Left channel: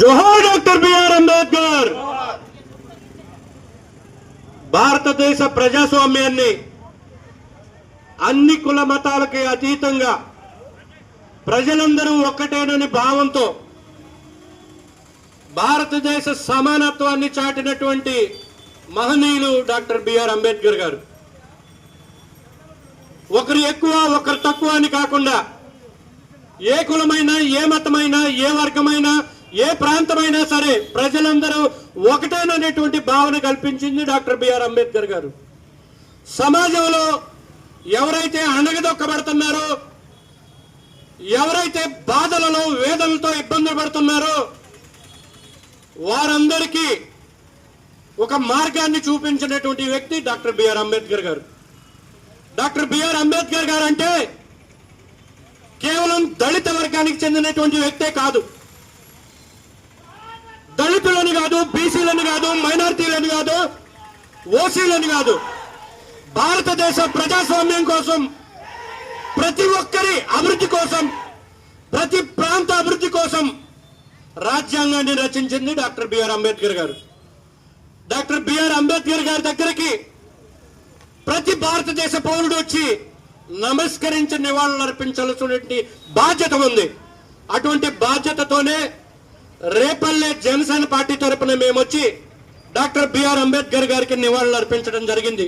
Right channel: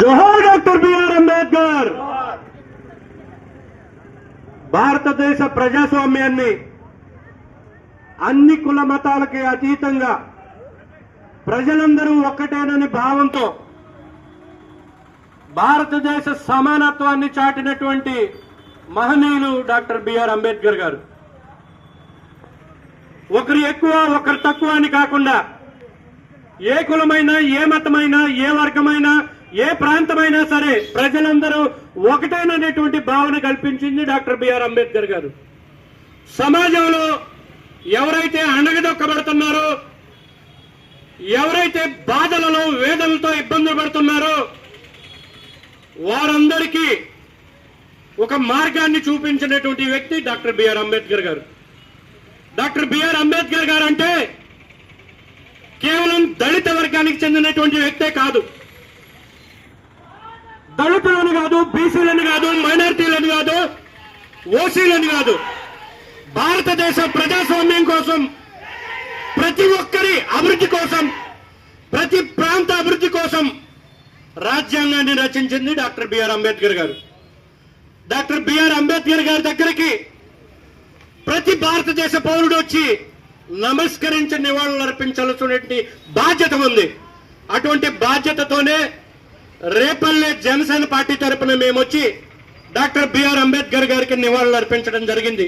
జోహార్ doctor BR Ambedkar. భారతదేశ ప్రజాస్వామ్యాన్ని అన్ని కుల మతాలకి అతీతంగా ప్రజలందరూ ఒక్కటేనని భావంతో భారతదేశ సమానత్వాన్ని చాటినటువంటి మహనీయులు డాక్టర్ బిఆర్ అంబేద్కర్ గారు. ఒకరు ఎక్కువ ఒకరు తక్కువ అని కాకుండా ఏ కులమైనా ఏ మతమైనా ఏ వర్గమైనా ఏ ప్రాంతమైనా సరే ప్రజలందరూ ఒకటేననేటువంటి భావన కల్పించింది డాక్టర్ బిఆర్ అంబేద్కర్ గారు. సమాజంలో ఎవరైతే అణగదొక్కబడుతున్నారో, ఎవరైతే బాధలలో వేదనలతో ఇబ్బందులు పడుతున్నారో వారందరికీ ఒక మార్గాన్ని చూపించినటువంటి వ్యక్తి డాక్టర్ బిఆర్ అంబేద్కర్ గారు. డాక్టర్ బిఆర్ అంబేద్కర్ గారు అంటే కేవలం దళిత వర్గానికి చెందినటువంటి వ్యక్తే కాదు, దళితులని కాదు, బీసీలని కాదు, మైనారిటీలని కాదు, ఓసీలని కాదు, భారతదేశ ప్రజాస్వామ్యం కోసం, ప్రతి ఒక్కరి అభివృద్ధి కోసం, ప్రతి ప్రాంత అభివృద్ధి కోసం రాజ్యాంగాన్ని రచించింది డాక్టర్ బిఆర్ అంబేద్కర్ గారు. డాక్టర్ బిఆర్ అంబేద్కర్ గారి దగ్గరికి ప్రతి భారతదేశ పౌరుడు వచ్చి నమస్కరించి నివాళులు అర్పించాల్సినటువంటి బాధ్యత ఉంది. అటువంటి బాధ్యతతోనే రేపల్లె జనసేన పార్టీ తరపున మేము వచ్చి డాక్టర్ బిఆర్ అంబేద్కర్ గారికి నివాళులు అర్పించడం జరిగింది.